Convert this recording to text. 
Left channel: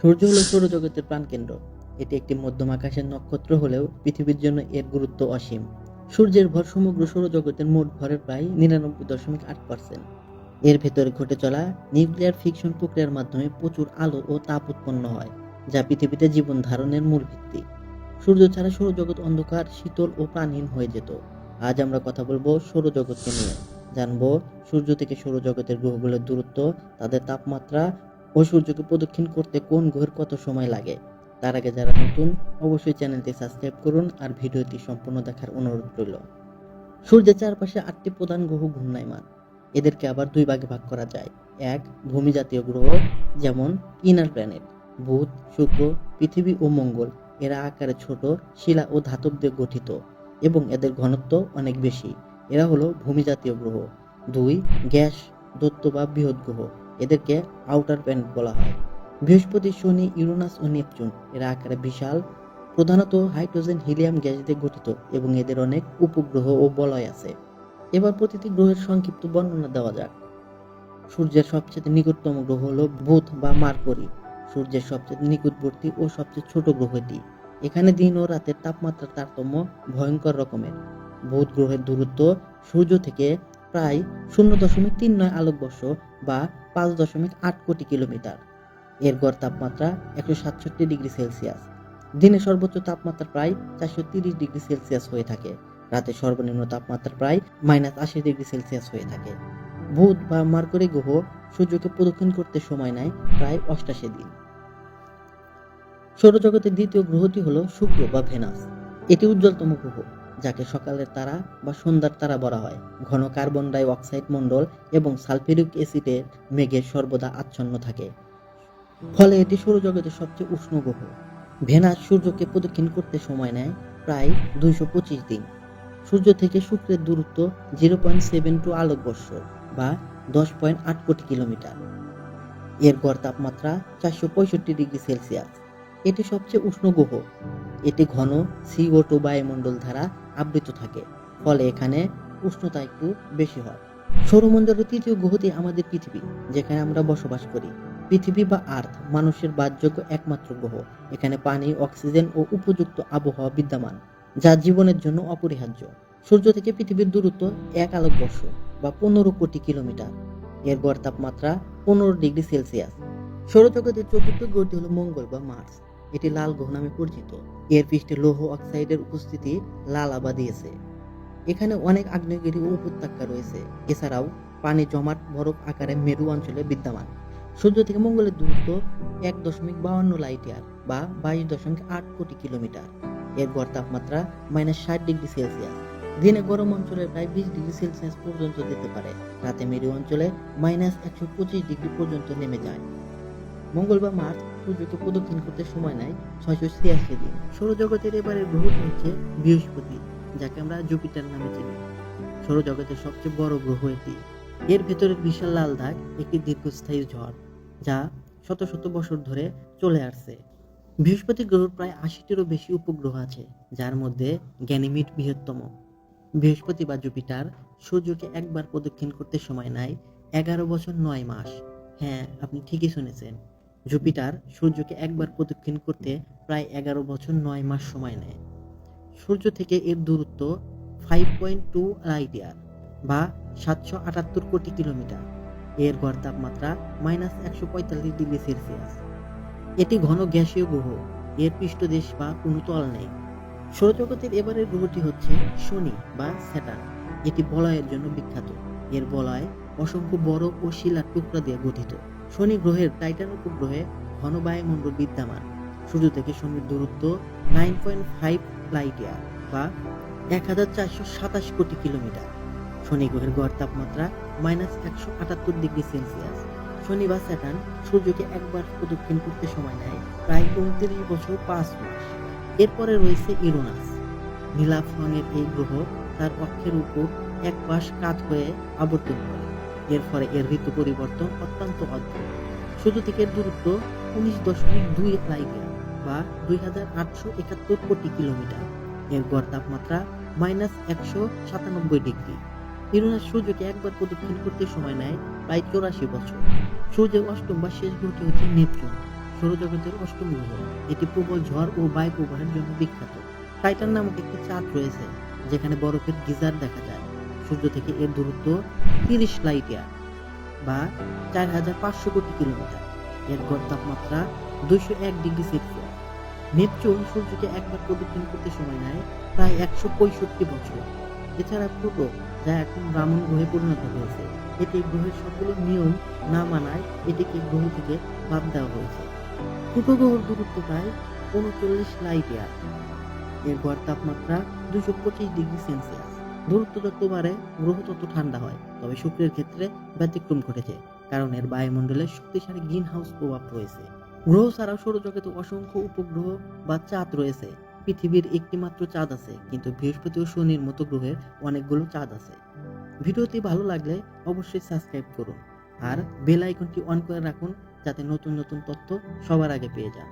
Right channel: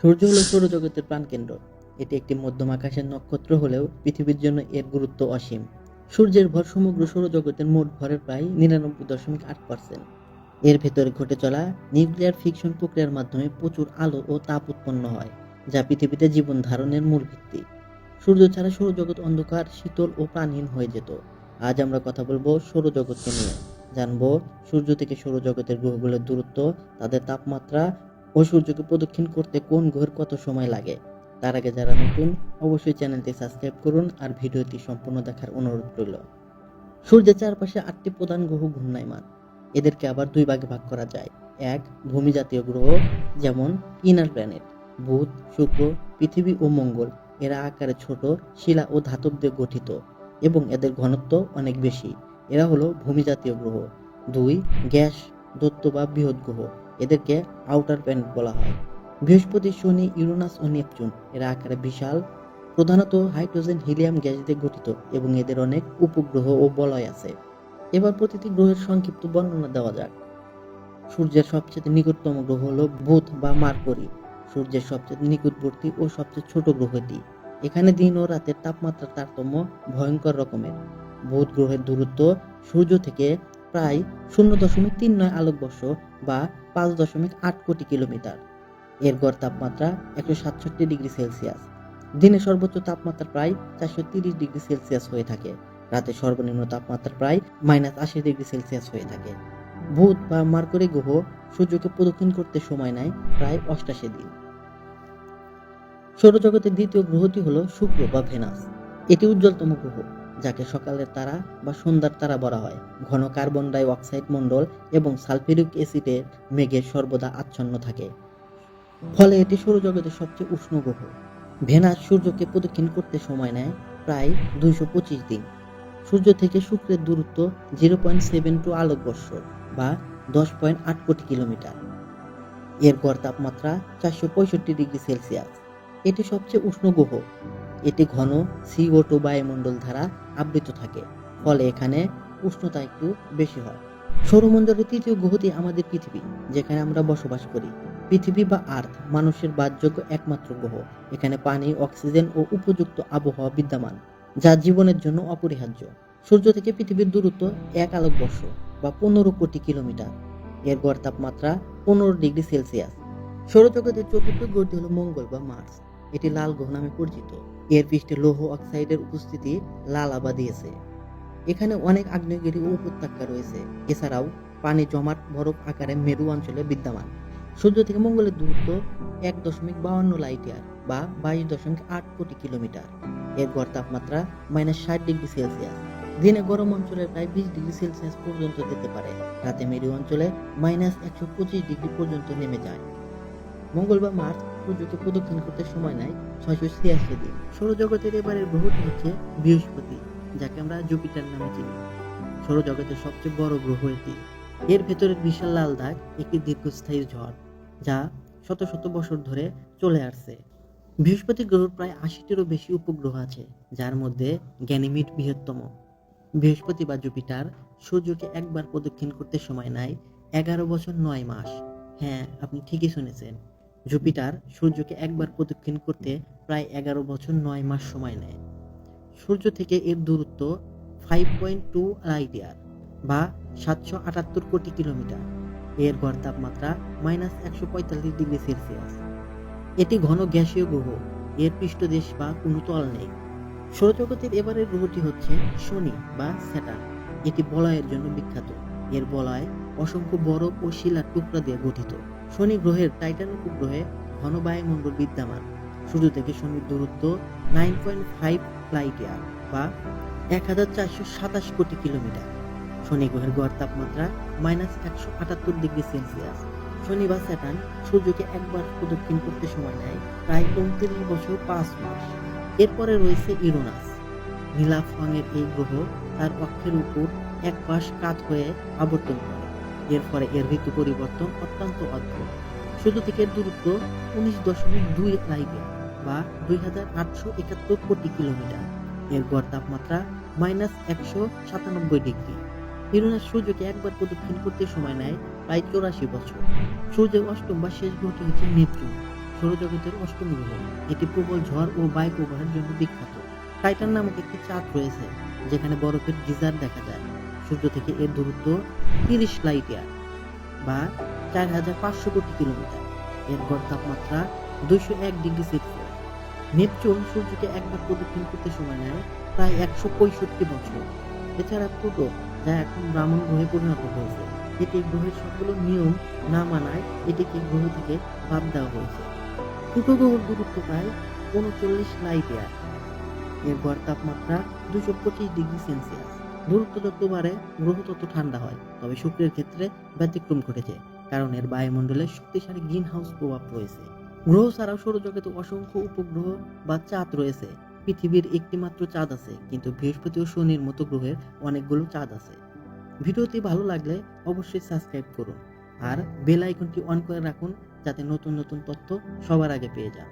সূর্য হলো সৌরজগতের প্রাণকেন্দ্র। এটি একটি মধ্যম আকাশের নক্ষত্র হলেও পৃথিবীর জন্য এর গুরুত্ব অসীম। সূর্যের ভর সমগ্র সৌরজগতের মোট ভরের প্রায় নিরানব্বই দশমিক আট পার্সেন্ট এর ভেতরে ঘটে চলা নিউক্লিয়ার ফিকশন প্রক্রিয়ার মাধ্যমে প্রচুর আলো ও তাপ উৎপন্ন হয়, যা পৃথিবীতে জীবন ধারণের মূল ভিত্তি। সূর্য ছাড়া সৌরজগৎ অন্ধকার, শীতল ও প্রাণহীন হয়ে যেত। আজ আমরা কথা বলব সৌরজগৎকে নিয়ে। জানব সূর্য থেকে সৌরজগতের গ্রহগুলোর দূরত্ব, তাদের তাপমাত্রা ও সূর্যকে প্রদক্ষিণ করতে কোন গ্রহের কত সময় লাগে? তার আগে যারা নতুন, অবশ্যই চ্যানেলটি সাবস্ক্রাইব করুন আর ভিডিওটি সম্পূর্ণ দেখার অনুরোধ রইল। সূর্যের চারপাশে আটটি প্রধান গ্রহ ঘূর্ণায়মান। এদেরকে আবার দুই ভাগে ভাগ করা যায়। এক ভূমি জাতীয় গ্রহ, যেমন ইনার প্ল্যানেট, বুধ, শুক্র, পৃথিবী ও মঙ্গল। এরা আকারে ছোট, শিলা ও ধাতব দিয়ে গঠিত এবং এদের ঘনত্ব অনেক বেশি। এরা হলো ভূমি জাতীয় গ্রহ। দুই, গ্যাস দত্ত বা বৃহৎ গ্রহ। এদেরকে আউটার প্ল্যানেট বলা হয়। বৃহস্পতি, শনি, ইউরেনাস ও নেপচুন এরা আকারে বিশাল, প্রধানত হাইড্রোজেন, হিলিয়াম গ্যাস দিয়ে গঠিত এবং এদের অনেক উপগ্রহ ও বলয় আছে। এবার প্রতিটি গ্রহের সংক্ষিপ্ত বর্ণনা দেওয়া যাক। সূর্যের সবচেয়ে নিকটতম গ্রহ হল বুধ বা মার্করি। সূর্যের সবচেয়ে নিকটবর্তী ও সবচেয়ে ছোট গ্রহ এটি এখানে দিন ও রাতের তাপমাত্রার তারতম্য ভয়ঙ্কর রকমের। বুধ গ্রহের দূরত্ব সূর্য থেকে প্রায় শূন্য দশমিক তিন নয় আলোকবর্ষ বা পাঁচ দশমিক আট কোটি কিলোমিটার। এর গড় তাপমাত্রা একশো সাতষট্টি ডিগ্রি সেলসিয়াস। দিনে সর্বোচ্চ তাপমাত্রা প্রায় চারশো তিরিশ ডিগ্রি সেলসিয়াস হয়ে থাকে। রাতে সর্বনিম্ন তাপমাত্রা প্রায় মাইনাস আশি ডিগ্রি সেলসিয়াস হয়ে থাকে। বুধ বা মার্করি গ্রহ সূর্যকে প্রদক্ষিণ করতে সময় নেয় প্রায় অষ্টাশি দিন। সৌরজগতের দ্বিতীয় গ্রহটি হলো শুক্র বা ভেনাস। এটি উজ্জ্বলতম গ্রহ। যাকে সকালের তারা বা সন্ধ্যার তারা বলা হয়। ঘন কার্বন ডাই অক্সাইড মণ্ডল এবং সালফিউরিক অ্যাসিডের মেঘে সর্বদা আচ্ছন্ন থাকে। ফলে এটি সৌরজগতের সবচেয়ে উষ্ণ গ্রহ। ভেনাস সূর্যকে প্রদক্ষিণ করতে সময় নেয় প্রায় দুইশো পঁচিশ দিন। সূর্য থেকে শুক্রের দূরত্ব জিরো পয়েন্ট সেভেন টু আলোকবর্ষ বা দশ পয়েন্ট আট কোটি কিলোমিটার। এর গড় তাপমাত্রা চারশো পঁয়ষট্টি ডিগ্রি সেলসিয়াস। এটি সবচেয়ে উষ্ণ গ্রহ। এটি ঘন সিও টু বায়ুমণ্ডল দ্বারা আবৃত থাকে, ফলে এখানে উষ্ণতা একটু বেশি হয়। সৌরমণ্ডলের তৃতীয় গ্রহটি আমাদের পৃথিবী, যেখানে আমরা বসবাস করি। পৃথিবী বা আর্থ, মানুষের বাসযোগ্য একমাত্র গ্রহ এখানে পানি, অক্সিজেন ও উপযুক্ত আবহাওয়া বিদ্যমান, যা জীবনের জন্য অপরিহার্য। সূর্য থেকে পৃথিবীর দূরত্ব এক আলোকবর্ষ বা পনেরো কোটি কিলোমিটার। এর গড় তাপমাত্রা পনেরো ডিগ্রি সেলসিয়াস। সৌরজগতের চতুর্থ গ্রহটি হলো মঙ্গল বা মার্স। এটি লাল গ্রহ নামে পরিচিত। এর পৃষ্ঠে লৌহ অক্সাইডের উপস্থিতি লাল আবা দিয়েছে। এখানে অনেক আগ্নেয়গিরি ও উপত্যকা রয়েছে। এছাড়াও পানি জমাট বরফ আকারে মেরু অঞ্চলে বিদ্যমান। সূর্য থেকে মঙ্গলের দূরত্ব এক দশমিক বাউন্ন লাইট ইয়ার বা বাইশ দশমিক আট কোটি কিলোমিটার। এর গড় তাপমাত্রা মাইনাস ষাট ডিগ্রি সেলসিয়াস। দিনে গরম অঞ্চলে প্রায় বিশ ডিগ্রি সেলসিয়াস পর্যন্ত যেতে পারে। রাতে মেরু অঞ্চলে মাইনাস একশো পঁচিশ ডিগ্রি পর্যন্ত নেমে যায়। মঙ্গল বা মার্চ সূর্যকে প্রদক্ষিণ করতে সময় নেয় ছয়শো ছিয়াশি দিন। সৌরজগতের এবারের গ্রহটি হচ্ছে বৃহস্পতি, যাকে আমরা জুপিটার নামে চিনি। সৌরজগতের সবচেয়ে বড় গ্রহ এটি। এর ভেতরের বিশাল লাল দাগ একটি দীর্ঘস্থায়ী ঝড়, যা শত শত বছর ধরে চলে আসছে। বৃহস্পতি গ্রহের প্রায় আশিটিরও বেশি উপগ্রহ আছে, যার মধ্যে গ্যানিমিড বৃহত্তম। বৃহস্পতি বা জুপিটার সূর্যকে একবার প্রদক্ষিণ করতে সময় নেয় এগারো বছর নয় মাস। হ্যাঁ আপনি ঠিকই শুনেছেন। জুপিটার সূর্যকে একবার প্রদক্ষিণ করতে প্রায় এগারো বছর নয় মাস সময় নেয়। সূর্য থেকে এর দূরত্ব five point two light year বা সাতশো আটাত্তর কোটি কিলোমিটার। এর গড় তাপমাত্রা মাইনাস একশো পঁয়তাল্লিশ ডিগ্রি সেলসিয়াস এটি ঘন গ্যাসীয় গ্রহ। এর পৃষ্ঠদেশ বা কোনো তল নেই। সৌরজগতের এবারের গ্রহটি হচ্ছে শনি বা স্যাটার্ন। এটি বলয়ের জন্য বিখ্যাত। এর বলয় অসংখ্য বরফ ও শিলার টুকরা দিয়ে গঠিত। শনি গ্রহের টাইটান উপগ্রহে ঘন বায়ুমণ্ডল বিদ্যমান। সূর্য থেকে শনির দূরত্ব nine point five light year বা এক হাজার চারশো সাতাশ কোটি কিলোমিটার। শনি গ্রহের গড় তাপমাত্রা মাইনাস একশো আটাত্তর ডিগ্রি সেলসিয়াস শনি বা স্যাটার্ন সূর্যকে একবার প্রদক্ষিণ করতে সময় নেয় প্রায় উনত্রিশ বছর পাঁচ মাস। এরপরে রয়েছে ইরোনাস নীলাভ রঙের এই গ্রহ তার অক্ষের উপর এক পাশ কাত হয়ে আবর্তন করে। এর ফলে এর ঋতু পরিবর্তন অত্যন্ত অদ্ভুত। সূর্য থেকে দূরত্ব উনিশ দশমিক দুই লাইট বা দুই হাজার আটশো একাত্তর কোটি কিলোমিটার। এর গড় তাপমাত্রা মাইনাস একশো সাতানব্বই ডিগ্রি। ইউরেনাস সূর্যকে একবার প্রদক্ষিণ করতে সময় নেয় প্রায় চৌরাশি বছর। সূর্যের অষ্টম বা শেষ গ্রহটি হচ্ছে নেপচুন, সৌরজগতের অষ্টম গ্রহ। এটি প্রবল ঝড় ও বায়ু প্রবাহের জন্য বিখ্যাত। টাইটান নামক একটি চাঁদ রয়েছে, যেখানে বরফের গিজার দেখা যায়। সূর্য থেকে এর দূরত্ব তিরিশ লাইট ইয়ার বা চার হাজার পাঁচশো কোটি কিলোমিটার। এর গড় তাপমাত্রা দুইশো এক ডিগ্রি সেলসিয়াস। নেপচুন সূর্যকে একবার প্রদক্ষিণ করতে সময় নেয় প্রায় একশো পঁয়ষট্টি বছর। এছাড়া প্লুটো যা এখন ব্রাহ্মণ গ্রহে পরিণত হয়েছে এটি গ্রহের সবগুলো নিয়ম না মানায় এটিকে গ্রহ থেকে বাদ দেওয়া হয়েছে। প্লুটো গ্রহের দূরত্ব প্রায় উনচল্লিশ লাইট ইয়ার এর গড় তাপমাত্রা দুশো পঁচিশ ডিগ্রি সেলসিয়াস। দূরত্ব যত বাড়ে গ্রহ তত ঠান্ডা হয়, তবে শুক্রের ক্ষেত্রে ব্যতিক্রম ঘটেছে, কারণ এর বায়ুমণ্ডলে শক্তিশালী গ্রিন হাউস প্রভাব রয়েছে। গ্রহ ছাড়াও সৌরজগতে অসংখ্য উপগ্রহ বা চাঁদ রয়েছে, পৃথিবীর একটি মাত্র চাঁদ আছে, কিন্তু বৃহস্পতি ও শনির মতো গ্রহের অনেকগুলো চাঁদ আছে। ভিডিওটি ভালো লাগলে অবশ্যই সাবস্ক্রাইব করুন, আর বেল আইকনটি অন করে রাখুন, যাতে নতুন নতুন তথ্য সবার আগে পেয়ে যান।